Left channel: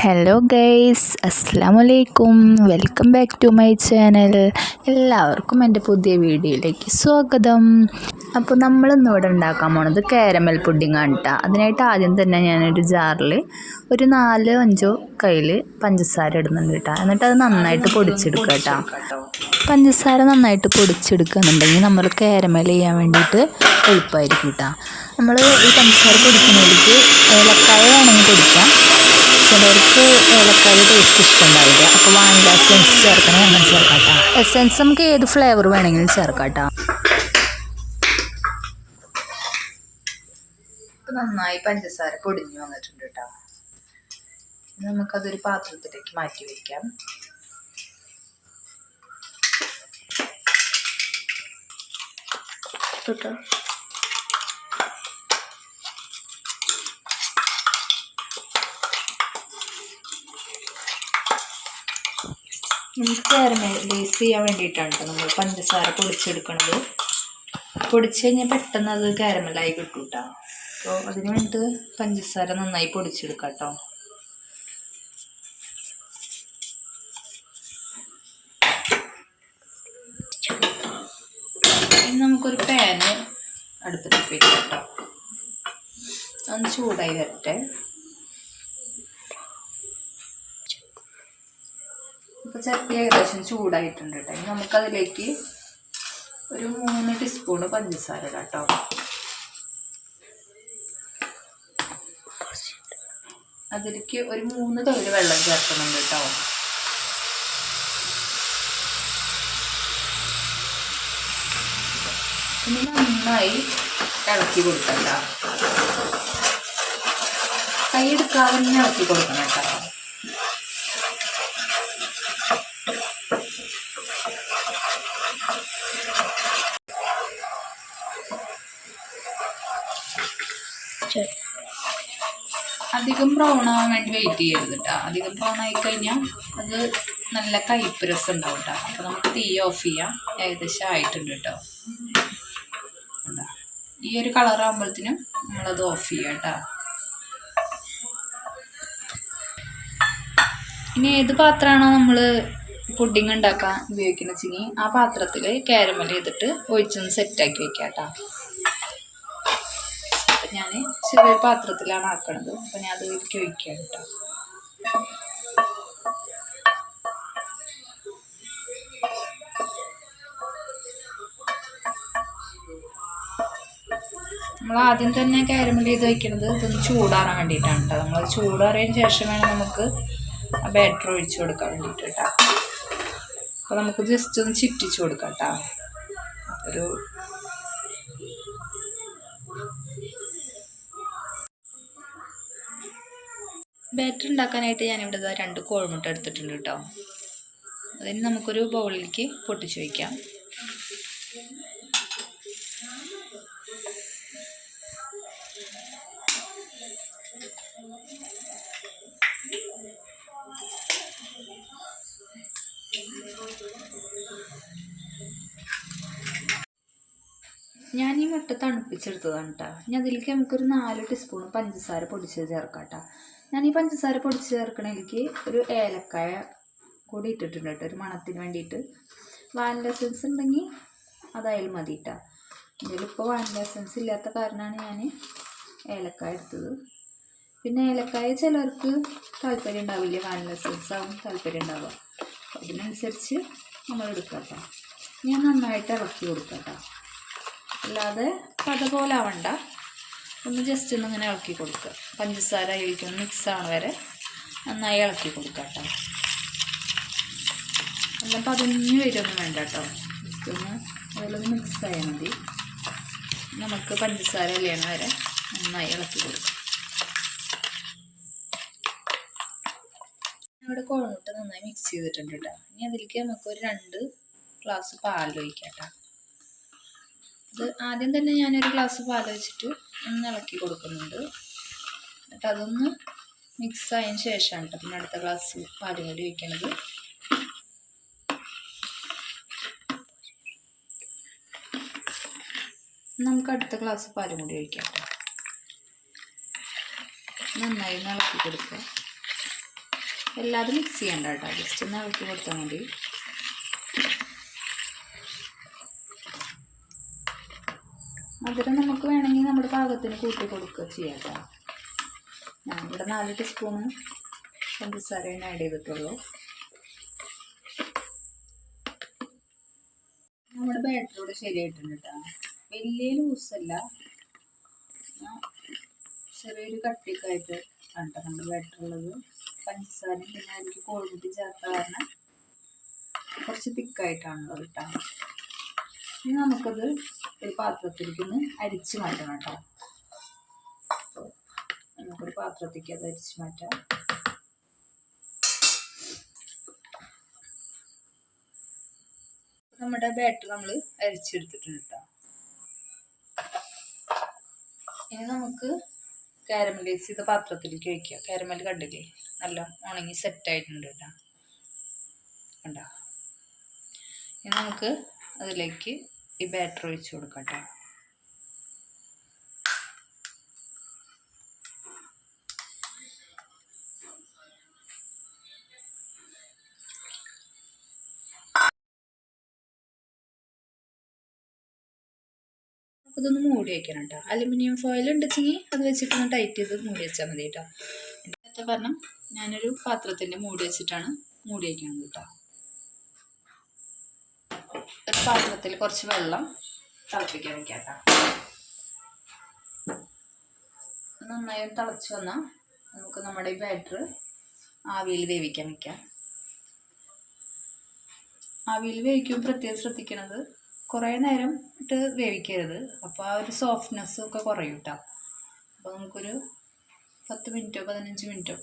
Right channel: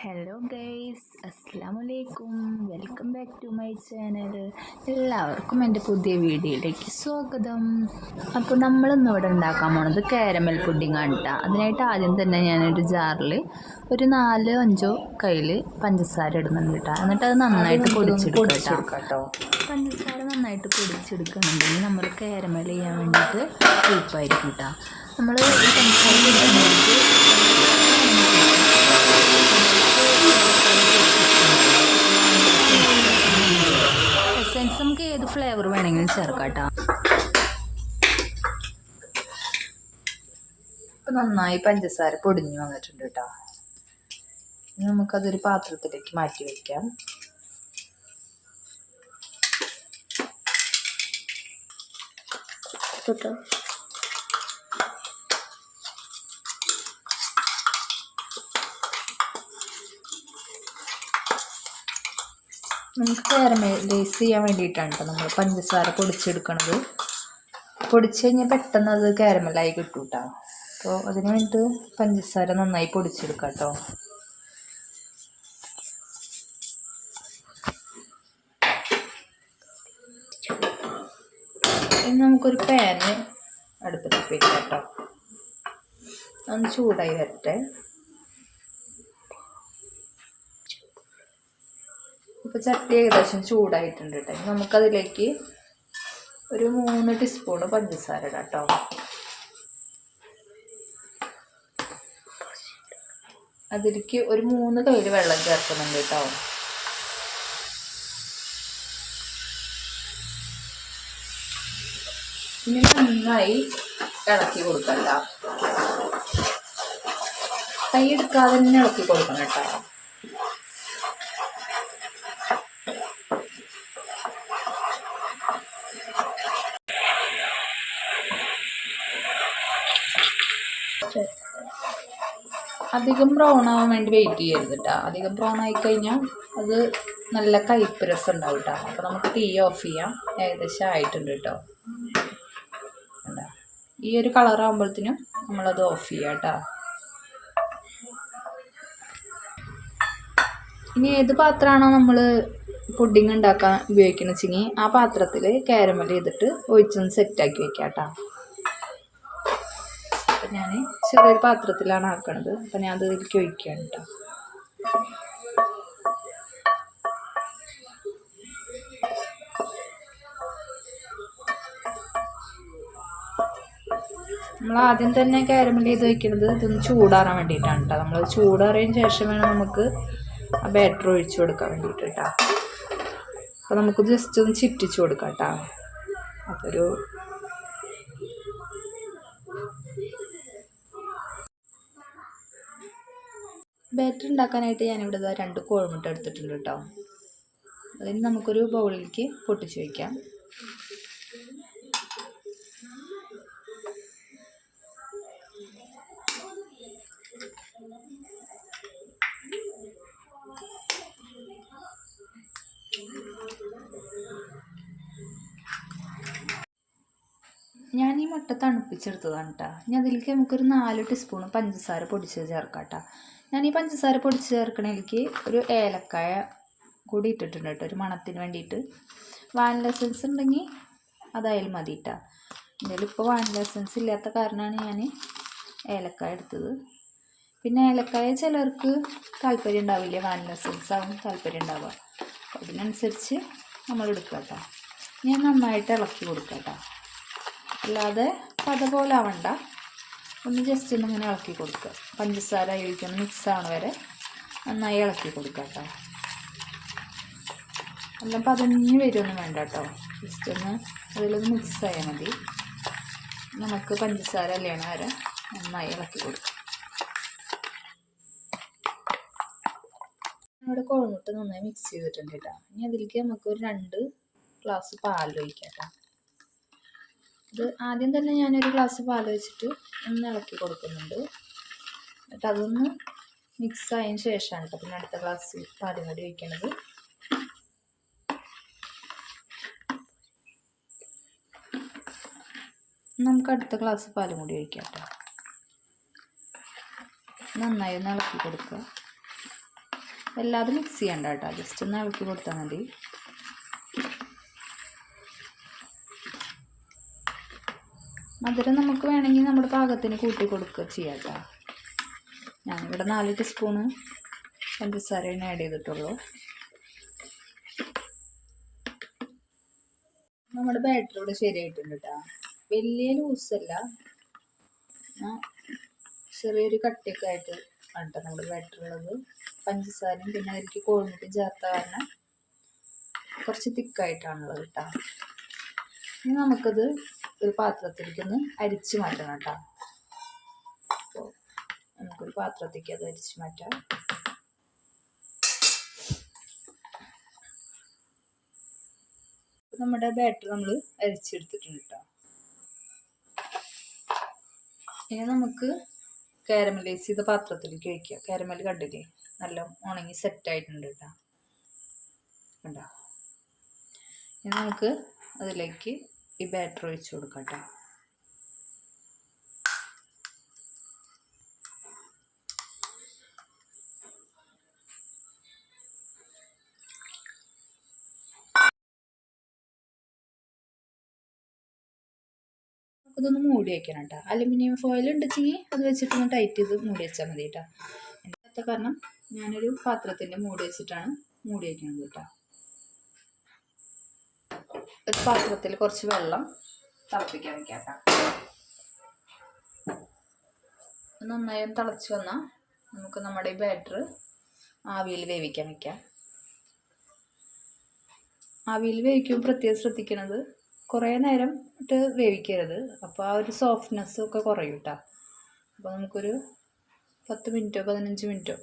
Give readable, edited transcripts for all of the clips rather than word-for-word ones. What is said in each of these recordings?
Hello guys, അസ്സലാമലൈക്കും. Welcome back to my channel. എല്ലാവർക്കും എൻ്റെ പുതിയ വീഡിയോയിലേക്ക് സ്വാഗതം. അപ്പോൾ നമ്മളിന്നിവിടെ ഉണ്ടാക്കാൻ പോണത് കാരമൽ പുഡിങ്ങാണ് കേട്ടോ. അതിനായിട്ട് ആദ്യം തന്നെ ഞാനൊരു ജാറിൽ ഒരു 4-5 കയ്യിൽ പഞ്ചസാര ഇടുന്നുണ്ട് കേട്ടോ. എന്നിട്ട് അത് നന്നായിട്ട് പൊടിച്ചെടുക്കുക കേട്ടോ. പഞ്ചസാര നന്നായിട്ട് പൊടിച്ചെടുക്കുകയെന്നുണ്ടെങ്കിൽ നമ്മൾ കാരമൽ ചെയ്യാൻ വേണ്ടിയിട്ട് എളുപ്പമായിരിക്കും കേട്ടോ. നമ്മൾ ഈ പഞ്ചസാര പൊടിക്കുന്നതിലേക്ക് ഏലക്കായ വേണമെങ്കിൽ പൊടിക്കാം. ചിലർക്ക് ഏലക്കായ ടേസ്റ്റ് ഇഷ്ടമുണ്ടാവില്ല. അപ്പോൾ വാനില എസെൻസ് ചേർക്കണമെങ്കിൽ അങ്ങനെ ചേർക്കാം കേട്ടോ. എസെൻസ് നമുക്ക് ഏത് ഫ്ലേവർ വേണമെങ്കിലും ചേർക്കാം കേട്ടോ. അപ്പോൾ നന്നായി പഞ്ചസാര പൊടിഞ്ഞു വന്നിട്ടുണ്ട് കേട്ടോ. നമുക്കതൊരു പാത്രത്തിലേക്ക് മാറ്റി വയ്ക്കാം. കേട്ടോ, നമുക്ക് കാരമലൈസ് ചെയ്യാൻ വേണ്ടിയിട്ടാണ് കേട്ടോ നമ്മൾ പഞ്ചസാര പൊടിച്ചെടുക്കണത്. പൊടിച്ച് കഴിഞ്ഞാൽ പെട്ടെന്ന് അത് കാരമലായി കിട്ടും കേട്ടോ. അപ്പോൾ അതിന് വേണ്ടിയിട്ട് പഞ്ചസാര നന്നായി പൊടിച്ചെടുക്കാം കേട്ടോ. ഇനി നമുക്കൊരു പാന് അടുപ്പത്തേക്ക് വെക്കാം കേട്ടോ. ഒന്ന് ചൂടായി വരട്ടെ. ഇപ്പോൾ ചട്ടി ഏകദേശം ചൂടായിട്ടുണ്ട് കേട്ടോ. ഇനി നമുക്കതിലേക്ക് ഒരു 3 ടീസ്പൂണ് പഞ്ചസാര ഇടാം കേട്ടോ. അതിലേക്ക് ഒരു 3 കയ്യിൽ വെള്ളം ചേർക്കുന്നുണ്ട് കേട്ടോ. ഇനി നന്നായി ഇളക്കി കൊടുക്കാം കേട്ടോ. കൈ എടുക്കാതെ തന്നെ ഇളക്കി കൊടുക്കണം കേട്ടോ. അധികം ബ്രൗൺ ആവാൻ വേണ്ടി വെയിറ്റ് ചെയ്യരുത് കേട്ടോ. അധികം ബ്രൗൺ ആയിക്കഴിഞ്ഞാൽ അത് നല്ല കയ്പ്പ് രസം ഉണ്ടാവും കേട്ടോ. അപ്പോൾ നമുക്ക് തീ ഓഫ് ചെയ്യാം. ഏകദേശം ആയിട്ടുണ്ട് കേട്ടോ. ഈ ഒരു കളറാകുമ്പോഴത്തേനും നമ്മളത് ഓഫ് ചെയ്യാം കേട്ടോ. ഇനി ഏത് പാത്രമാണോ നമ്മൾ പുഡിങ് ഉണ്ടാക്കാൻ ഉപയോഗിക്കുന്നത് വെച്ചെങ്കിൽ ആ പാത്രത്തിൽ കാരമൽ ചെയ്തിട്ട് ഒഴിച്ചൊന്ന് സെറ്റാക്കി വെക്കാം കേട്ടോ. ഞാൻ ചെറിയൊരു പാത്രത്തിലാണ് ആക്കണത്. അപ്പം ഞാൻ അതിലേക്ക് ഒഴിക്കുകയാണ് കേട്ടോ. നമ്മൾ ആദ്യം തന്നെ കാരമൽ ചെയ്ത് വയ്ക്കുന്നത് ഇതൊന്ന് ചൂടാറാൻ വേണ്ടിയിട്ടാണ് കേട്ടോ. നമ്മൾ ചൂടാറിയതിന് ശേഷം വേണം നമുക്ക് ആ ബാറ്റർ ഒഴിച്ച് കൊടുക്കാൻ വേണ്ടിയിട്ട് കേട്ടോ. അപ്പോൾ നമുക്ക് ജസ്റ്റ് ഒന്ന് ചുറ്റിച്ച് കൊടുക്കാം കേട്ടോ. അപ്പോൾ ഒരു ബാറ്റർ ഉണ്ടാക്കാനായിട്ട് ഞാനിവിടെ 2 കോഴിമുട്ട എടുത്തിട്ടുണ്ട് കേട്ടോ. അതിന് നമുക്കൊരു ബൗളിലേക്ക് പൊട്ടിച്ച് വയ്ക്കാം. ഞാൻ ഈ മുട്ട തണുപ്പിച്ചെടുത്തതാണ് കേട്ടോ. ഇനി അതിലേക്ക് നമുക്കൊരു 4 ടീസ്പൂൺ പഞ്ചസാര പൊടിച്ചത് ചേർക്കാം കേട്ടോ. ഞാൻ ഈ പഞ്ചസാര പൊടിച്ച് ചേർക്കണതിലേക്ക് ഒരു ഏലക്കായ കൂടി ഇട്ടിട്ടുണ്ട് കേട്ടോ, ഒരു മണത്തിന് വേണ്ടിയിട്ട്. വാനില എസൻസ് ഉണ്ടെങ്കിൽ അതായാലും മതി കേട്ടോ. ഇതിലിപ്പോൾ വാനില എസൻസ് ഇല്ലാത്ത കാരണമാണ് ഞാൻ ഏലക്കായ എടുത്തത്. പിന്നെ ഏലക്കായ ചിലർക്ക് താല്പര്യം ഉണ്ടാവില്ല, വാനില എസൻസ് ആവും താല്പര്യം ഉണ്ടാവുക. അതിനനുസരിച്ച് നമ്മൾ എടുക്കാം കേട്ടോ. ഞാൻ നന്നായിട്ട് ഇളക്കി കൊടുക്കാം കേട്ടോ. അല്ലാതെ പത പോലെ ആവണ്ട, ഒന്ന് ജസ്റ്റ് ഒന്ന് ഇങ്ങനെ ഇളക്കി കൊടുക്കുക. പഞ്ചസാര അതിലേക്കൊന്ന് മിക്സ് ആവണ വരെ നന്നായി ഇളക്കി കൊടുക്കുക കേട്ടോ. എല്ലാം പതഞ്ഞ് വരുമൊന്നും വേണ്ട കേട്ടോ. ജസ്റ്റ് ഒന്ന് അതിലൊന്ന് മിക്സ് ആയാൽ മതി. നമുക്ക് പഞ്ചസാര അലിയണ വരെ നന്നായി ഇളക്കി കൊടുക്കുക. ഇവിടെ കോഴിമുട്ട നന്നായി മിക്സ് ചെയ്തിട്ടുണ്ട് കേട്ടോ. ഇനി അതിലേക്ക് നമുക്കൊരു 2 ഗ്ലാസ് പാൽ ഒഴിക്കാം കേട്ടോ. ഇത് ആദ്യം തന്നെ ഞാനൊരു ഗ്ലാസ് പാൽ വെച്ചിട്ട് ഒന്ന് ഇളക്കി കൊടുക്കുന്നുണ്ട്. എന്നിട്ട് അതൊന്ന് മിക്സ് ആയതിന് ശേഷമാണ് കേട്ടോ പിന്നെ അടുത്ത ഗ്ലാസ് പാലും കൂടി ഒഴിക്കണത്. നമുക്ക് അടുത്ത ഗ്ലാസ് പാലും കൂടി ഒഴിക്കാം കേട്ടോ. നന്നായി ഒന്ന് ഇളക്കി കൊടുക്കുക. എല്ലാതും മിക്സ് ചെയ്യണ്ട കേട്ടോ, ജസ്റ്റ് ഒന്ന് ഇളക്കി കൊടുത്താൽ മതി. മധുരം നമുക്ക് വേണമെങ്കിൽ നമ്മുടെ പാകത്തിന് കൂട്ടി കൊടുക്കുക ചെയ്യാം കേട്ടോ. ഞാനിവിടെ 4 ടീസ്പൂണ് പഞ്ചസാരയാണ് ആഡ് ചെയ്തിട്ടുള്ളൂ. നമ്മുടെ ബാറ്റർ ഇവിടെ ശരിയായിട്ടുണ്ട് കേട്ടോ. വലിയ ലൂസല്ല, ചെറിയൊരു കട്ടിയൊക്കെ ആയിട്ട് ആണ് കേട്ടോ നമ്മുടെ ബാറ്റർ ഉള്ളത്. പഞ്ചസാരയും പിന്നെ അതിലേക്ക് കോഴിമുട്ടി ചേർത്ത കാരണം കുറച്ച് തിക്കായിട്ടാണുള്ളത് കേട്ടോ. ഇനി നമുക്കത് ഒരു പാത്രത്തിലേക്കൊന്ന് അരിച്ച് മാറ്റണം കേട്ടോ. അപ്പോൾ നമുക്കൊരു പാത്രത്തേക്ക് അത് അരിച്ച് മാറ്റാം. നമ്മുടെ ബാറ്റർ നമ്മൾ അരിച്ചെടുത്തിട്ടുണ്ട് കേട്ടോ. ഇനി നമുക്ക് കാരമലൈസ് ചെയ്ത പാത്രത്തിലേക്ക് വയ്ക്കുക. കാരമൽ കണ്ടില്ലേ, നല്ല ഉണങ്ങി സെറ്റായിട്ടുണ്ട് കേട്ടോ, കണ്ടോ. ഇനി നമുക്ക് അതിലേക്ക് ഈ ബാറ്റർ ഒഴിച്ച് കൊടുക്കാം കേട്ടോ. അതൊന്ന് മൂടി വയ്ക്കണം കേട്ടോ. അലുമിനിയം ഫോയിൽ ഉണ്ടെങ്കിൽ അത് വെച്ചിട്ടൊന്ന് ടൈറ്റ് ചെയ്ത് മൂടി വെച്ചാൽ മതി കേട്ടോ. എൻ്റെ കാരണം ഞാനൊരു പാത്രത്തിൻ്റെ മൂടി വെച്ചിട്ടാണ് മൂടി വയ്ക്കുന്നത് കേട്ടോ. ഒരു പാത്രത്തിൽ കുറച്ച് വെള്ളം തിളപ്പിക്കാൻ വയ്ക്കാം കേട്ടോ. നന്നായി തിളച്ച് വന്നാൽ നമുക്ക് നമ്മുടെ ഈ ബാറ്റർ ആവിയിൽ വേവിക്കാൻ വയ്ക്കാം. ആവിയിൽ വേവിക്കുമ്പോൾ പ്രത്യേകം ശ്രദ്ധിക്കുന്നത് കുറേ നേരം ഇട്ട് വേവിക്കരുത്, അപ്പോൾ ആ ഒരു സോഫ്റ്റ്നെസ്സും ഒക്കെ കുറയും കേട്ടോ. അപ്പോൾ നമുക്കൊരു 10 മിനിറ്റോ 15 മിനിറ്റോ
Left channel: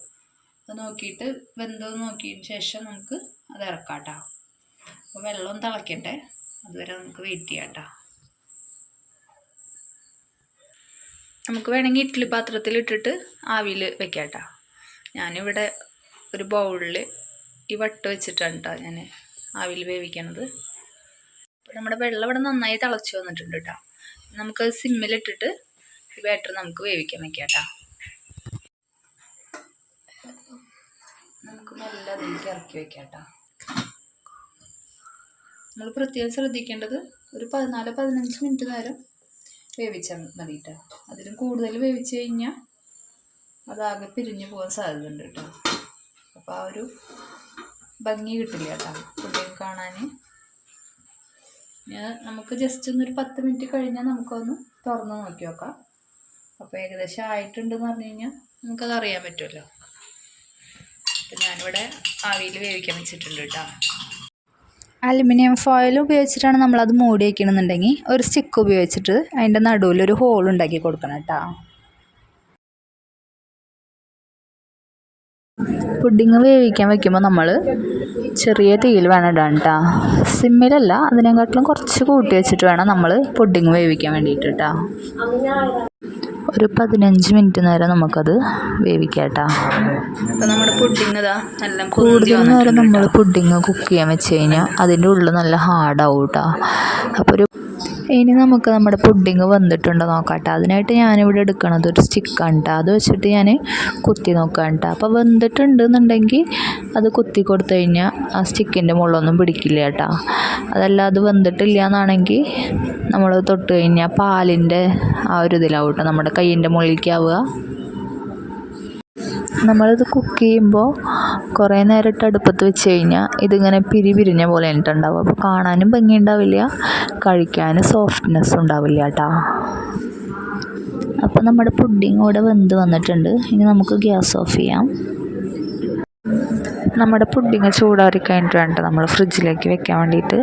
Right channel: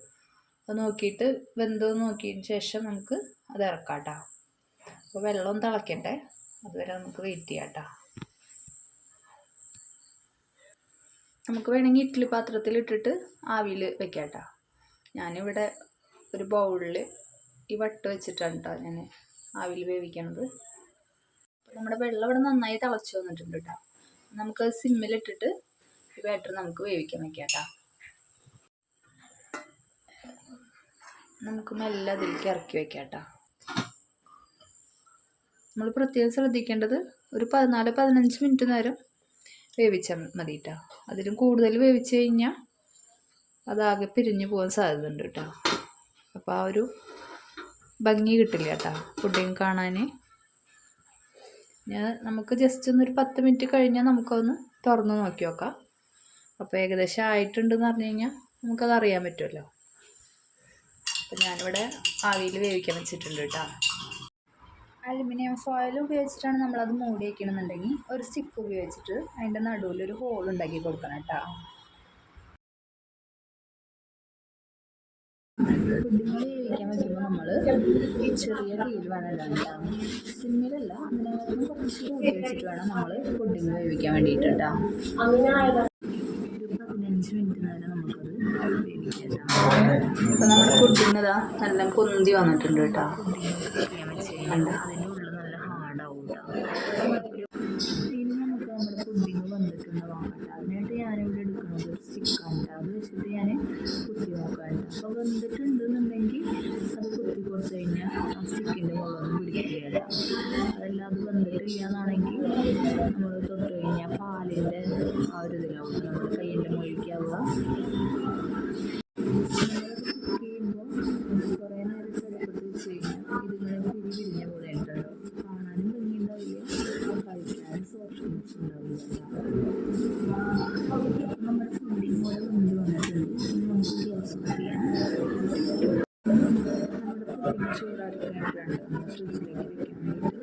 അത് നോക്കിയിട്ട് വെന്തോ നോക്കിയതിന് ശേഷം നമുക്ക് അത് ഇറക്കാം കേട്ടോ. അപ്പോൾ വെള്ളം തിളക്കട്ടെ, അതുവരെ നമുക്ക് വെയിറ്റ് ചെയ്യാം കേട്ടോ. നമുക്ക് വേണമെങ്കിൽ ഇഡ്ഡലി പാത്രത്തിൽ ഇട്ടിട്ട് ആവിയിൽ വെക്കാം കേട്ടോ. ഞാനിവിടെ ഒരു ബൗളിൽ ഈ വട്ട് വെച്ചിട്ടാണ് കേട്ടോ ഞാൻ ആവിയിൽ വേവിക്കണത്. അപ്പോൾ നമ്മുടെ വെള്ളം ഇവിടെ നന്നായി തിളച്ച് വന്നിട്ടുണ്ട് കേട്ടോ. നമുക്ക് സിമ്മിലിട്ടിട്ട് ഈ ബാറ്റർ നമുക്ക് വേവിക്കാൻ വയ്ക്കാം കേട്ടോ. നമുക്ക് മെല്ലെ അതിലേക്ക് ഇറക്കി വയ്ക്കാം കേട്ടോ. നമ്മൾ പ്രത്യേകം ശ്രദ്ധിക്കേണ്ടത് ഒരു 14-15 മിനിറ്റ് നേരം വേവിച്ചാൽ മതി കേട്ടോ. അതിലും കൂടുതൽ വേവിച്ച് കഴിഞ്ഞാൽ അതാകെ പിരിഞ്ഞു പോകാൻ സാധ്യതയുണ്ട് കേട്ടോ. അപ്പോൾ ആ ഒരു ഭംഗി കിട്ടില്ല കേട്ടോ പുഡിങ് കാണാൻ. നമുക്ക് ജസ്റ്റ് ഒന്നൊരു 10 മിനിറ്റ് കഴിഞ്ഞാൽ നമുക്കൊന്ന് തുറന്ന് നോക്കി നോക്കാം. അപ്പോൾ ഏകദേശം ആയിട്ടുണ്ടെന്ന് പറഞ്ഞു കഴിഞ്ഞാൽ നമുക്കത് അറിയാൻ പറ്റുമല്ലോ. അപ്പോൾ ഞാനിവിടെ ആവിയിൽ വേവിക്കാൻ വെച്ചിട്ടുണ്ട് കേട്ടോ. അലുമിനിയം ഫോയിൽ ഉപയോഗിച്ചിട്ടാണ് നമ്മളത് മൂടി വയ്ക്കണമെന്നുണ്ടെങ്കിൽ ഒരു സ്റ്റിക്ക് ഉപയോഗിച്ചിട്ട് അതിൻ്റെ നടുവിലൊരു ഹോൾ ഉണ്ടാക്കി കൊടുക്കണം കേട്ടോ. പുഡിങ് വേവിക്കാൻ വയ്ക്കുമ്പോൾ നമ്മൾ ചെറിയ തീയിൽ വേണം ഇടാൻ കേട്ടോ. സിമ്മിലല്ല, അതിനെക്കാട്ടിലും കുറച്ച് കൂട്ടി വെച്ചിട്ട് വേണം നമ്മൾ പുഡിങ് വേവിക്കാൻ വേണ്ടിയിട്ട് കേട്ടോ. ഒരു 15 മിനിറ്റ് നേരം നമുക്കത് വേവിക്കാം കേട്ടോ. അപ്പോൾ നമ്മുടെ പുഡിങ് ഇതാ നല്ല കുന്തി വന്നിട്ടുണ്ട്. നമ്മൾ പുഡിങ് കുക്ക് ചെയ്യാൻ വെച്ച് കഴിഞ്ഞാൽ അതിൻ്റെ ഉള്ളിൽ നല്ല ഹാർഡാവും കേട്ടോ. അപ്പോൾ ഇനി നമുക്ക് നമ്മുടെ പുഡിങ് വന്നിട്ടുണ്ടോ നോക്കാം കേട്ടോ. അതിനായിട്ട് ഞാനിവിടെ എടുക്കണത് ഒരു സ്റ്റിക്കാണ് കേട്ടോ. അത് വെച്ചിട്ട് ഞാൻ കുത്തി നോക്കാം കേട്ടോ. അപ്പോൾ വെന്തിട്ടുണ്ടെന്നുണ്ടെങ്കിൽ അത് കുത്തി കൊടുത്തു കഴിഞ്ഞാൽ ആ സ്റ്റിക്കിൻ്റെ മുകളിലൊന്നും പിടിക്കില്ല കേട്ടോ. അതല്ല അത് വെന്തിട്ടില്ല എന്നാണെങ്കിൽ നമ്മൾ തൊട്ട് കഴിഞ്ഞാൽ പാലിൻ്റെ ആ ഒരു ഇതിലാവും കേട്ടോ നമ്മുടെ കയ്യിൻ്റെ മുകളിലേക്കാവുക. നമ്മളിത് കുക്ക് ചെയ്യുമ്പോൾ കുറേ നേരം ഇട്ട് അടുപ്പത്ത് വെച്ച് കഴിഞ്ഞാൽ ഇതിങ്ങനെ പിരിഞ്ഞ പോലെ ഉണ്ടാവും. അപ്പോൾ കാണാനും ഭംഗി ഉണ്ടാവില്ല, കഴിക്കാനും സോഫ്റ്റ്നെസ് ഉണ്ടാവില്ല കേട്ടോ. അപ്പോൾ നമ്മുടെ പുഡിങ് ഇവിടെ വെന്ത് വന്നിട്ടുണ്ട്. ഇനി നമുക്ക് ഗ്യാസ് ഓഫ് ചെയ്യാം. നമ്മുടെ പുഡിങ് ചൂടാറി കഴിഞ്ഞിട്ട് വേണ്ട നമ്മൾ ഫ്രിഡ്ജിലേക്ക് വെക്കാൻ വേണ്ടിയിട്ട്.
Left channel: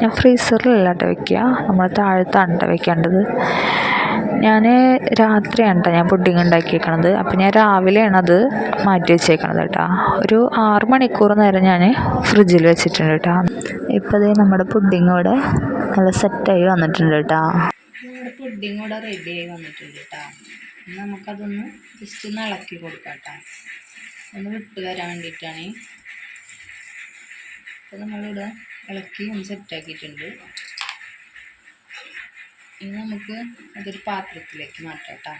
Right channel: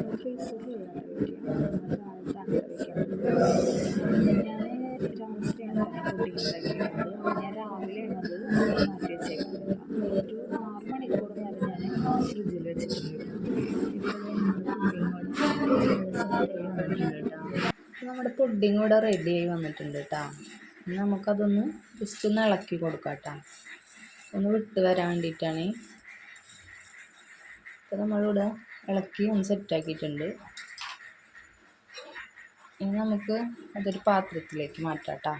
ഞാൻ ഫ്രീസറിലല്ല കേട്ടോ വെക്കുക, നമ്മൾ താഴത്താണ് കേട്ടോ വെക്കേണ്ടത്. ഞാൻ രാത്രിയാണ് കേട്ടോ ഞാൻ പുഡിങ് ഉണ്ടാക്കിയേക്കണത്. അപ്പോൾ ഞാൻ രാവിലെയാണ് അത് മാറ്റി വെച്ചേക്കണത് കേട്ടോ. ഒരു 6 മണിക്കൂർ നേരം ഞാൻ ഫ്രിഡ്ജിൽ വെച്ചിട്ടുണ്ട് കേട്ടോ. ഇപ്പോൾ അതേ നമ്മുടെ പുഡിങ് ഇവിടെ നല്ല സെറ്റായി വന്നിട്ടുണ്ട് കേട്ടോ. നമ്മുടെ പുഡിങ് ഇവിടെ റെഡിയായി വന്നിട്ടുണ്ട് കേട്ടോ. നമുക്കതൊന്ന് ജസ്റ്റ് ഒന്ന് ഇളക്കി കൊടുക്കാം കേട്ടോ, ഒന്ന് വിട്ട് വരാൻ വേണ്ടിയിട്ടാണ്. അപ്പോൾ നമ്മളിവിടെ ഇളക്കി ഒന്ന് സെറ്റാക്കിയിട്ടുണ്ട്. ഇനി നമുക്ക് അതൊരു പാത്രത്തിലേക്ക് മാറ്റാം കേട്ടോ.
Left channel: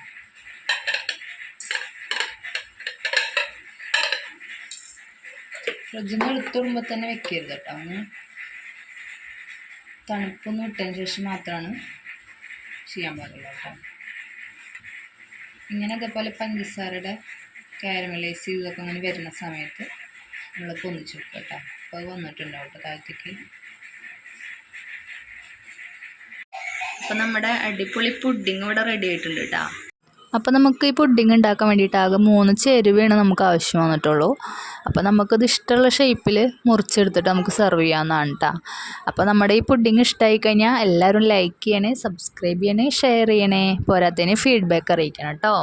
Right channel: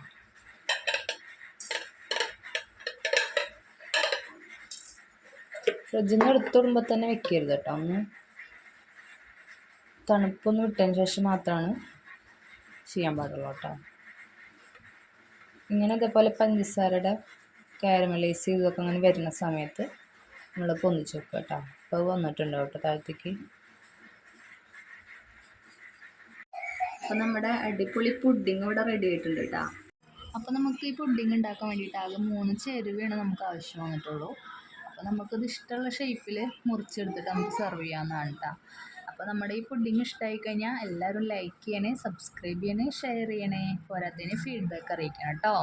ഫ്രിഡ്ജിൽ നിന്ന് എടുത്തിടുമ്പോൾ തന്നെ വെക്കരുത് കേട്ടോ. ഒന്ന് തണുപ്പൊന്ന് വിട്ടതിന് ശേഷം മാത്രമാണ് ചെയ്യാൻ പാടുള്ളൂ കേട്ടോ. ഇങ്ങനെ ഇതേപോലെ പഞ്ചസാരയുടെ കാരമലൈസ് ചെയ്തൊക്കെ അങ്ങനെ വരുന്ന സമയത്ത് നമ്മൾ പൊന്നിച്ച് വെക്കുക കേട്ടോ. അപ്പോൾ വന്നിട്ടുണ്ട് കേട്ടോ താഴത്തേക്ക്. അപ്പോൾ നമ്മുടെ അടിപൊളി പുഡിങ് ഇവിടെ റെഡി ആയിട്ടുണ്ട് കേട്ടോ. അപ്പോൾ നമുക്ക് ഈ പുഡിങ് ഉണ്ടാക്കാൻ വേണ്ടിയിട്ട് ആകെ 3 ചേരുവയാണ് നമുക്ക് ആവശ്യം വന്നിട്ടുള്ളൂ. അപ്പോൾ നമുക്കത് ഇഷ്ടമുള്ള ഷേപ്പിൽ മുറിച്ചെടുത്തിട്ട് നമുക്ക് സെർവ് ചെയ്യാവുന്നതാണ് കേട്ടോ. അപ്പോൾ നമ്മുടെ ഈ പുഡിങ് ഇഷ്ടമായി കഴിഞ്ഞാൽ എല്ലാവരും ലൈക്ക് ചെയ്യണേ, സബ്സ്ക്രൈബ് ചെയ്യണേ, ഷെയർ ചെയ്യണേ, പോരാത്തതിന് ഫീഡ്ബാക്ക് അറിയിക്കണം കേട്ടോ.